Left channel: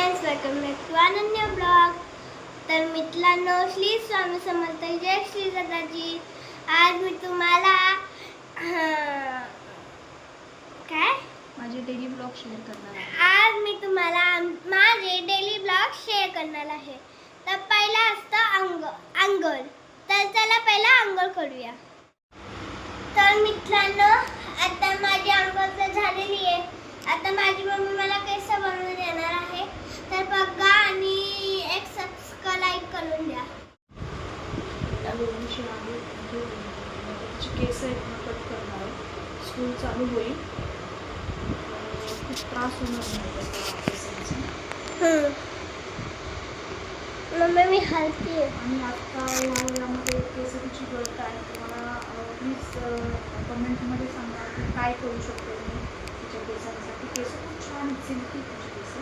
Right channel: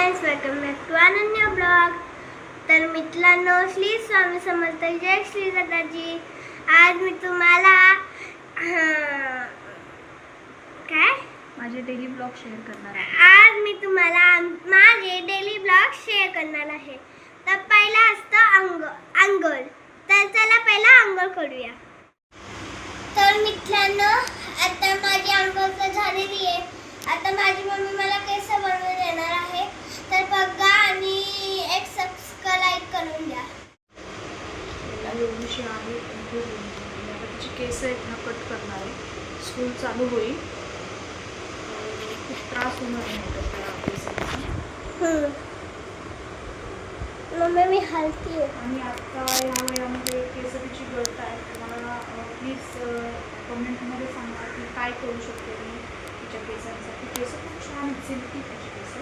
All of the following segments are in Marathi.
Friends, welcome back to Ananya blog. तर मित्रांनो, श्री स्वामी समर्थ, जय श्री दादाजी। आज मी तुम्हाला काय माझे डेली ब्लॉग शेअर करणार आहे। आज मी तुम्हाला माझे डेली ब्लॉग शेअर करणार आहे। तर पहिला असतं अंघोळ। तर चला पहिला अंघोळ करूया। तर मित्रांनो, आता माझी अंघोळ तर झालेली आहे। आता माझी मम्मी मला केस बनवून देणार आहे। तर बघा आणि एक सबस्क्राइब करून द्या। एवढीशी आहे तिची केस आहेत ना, कट करणार आहे। स्कूल चालू होईल, खूप त्रास होणार नाही केसांचा। मम्मी मी हलती आणि आता या वयामध्ये केस तिची गळत आहे, तर मला प्लीज कमेंटमध्ये सांगा की काय करू शकते मी तिच्या केसांसाठी। केस खूप छान सिल्की तिची केस,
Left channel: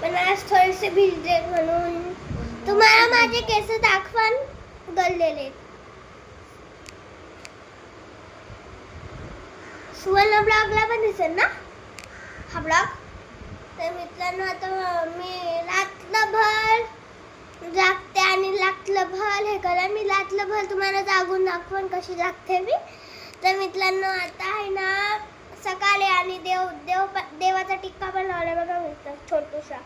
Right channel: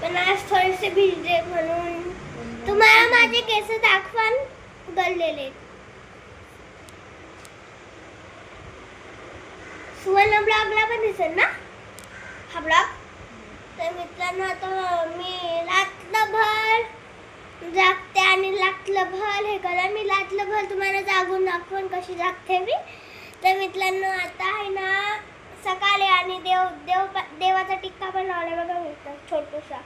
पण आज थोडेसे भिजले म्हणून तुम्हाला माझे केस दाखवून गळलेले। सुवर्ण ब्लॉगला पण दिसेल ना हा ब्लॉग। तर मित्रांनो, आता मी रात्रभर जागते आणि रात्रभर हे करा। मी रात्रभर तुम्हाला जागून दाखवून कशी जागते मी। तर मित्रांनो, आता आहे ना सकाळी आणि देवाचा टिक्का पण लावला बघा मित्र, छोटूसा।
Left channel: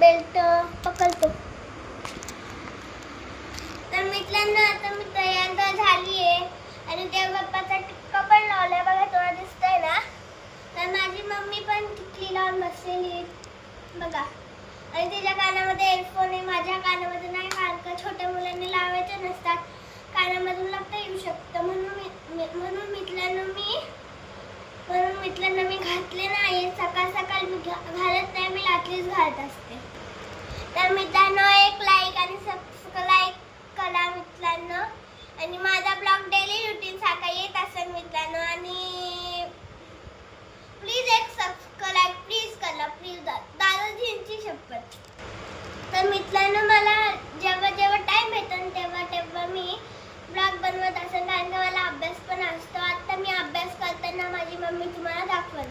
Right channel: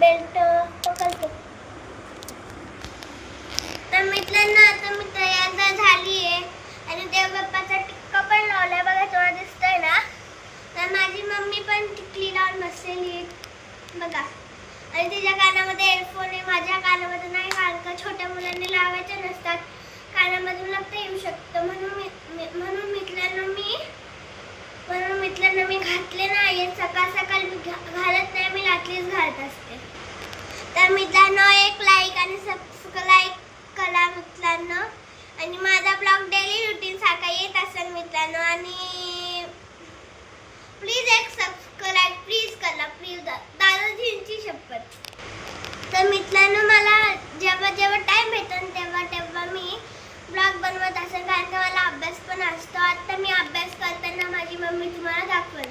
बेल्ट पकडतो। तर मित्रांनो, आता मी तयार झाली आहे आणि देवबाप्पाचा टिक्का पण लावलाय बघा, थोडा दिसतोय ना। तर माझी मम्मी पण टिकली लावून बसलेली बघा, आणि तिच्या कानामध्ये हेडफोन आहे, माझ्या कानामध्ये नाही, कारण का छोट्या मुलांनी लावायचे नसतात, कानामधून लगता येऊ शकतं। म्हणून मित्रांनो मी घातले नाही। सकाळ सकाळी मी घालत नाही, मी रात्रीच घालत असते। तर मित्रांनो, एक लाईक आणि सबस्क्राइब करा मित्रांनो, आणि माझा ब्लॉग डेली रुटीन सारखा येत असेल मित्रांनो। आणि प्लीज एक सबस्क्राइब प्लीज करा, प्लीज दादाजींची शपथ। तर मित्रांनो, मला जेव्हा टाइम भेटेल तेव्हा मी ब्लॉग बनवत असेल, कारण का मला अभ्यास पण असतो। आता मी अभ्यास करताना माझी मम्मी तुम्हाला दाखवेल।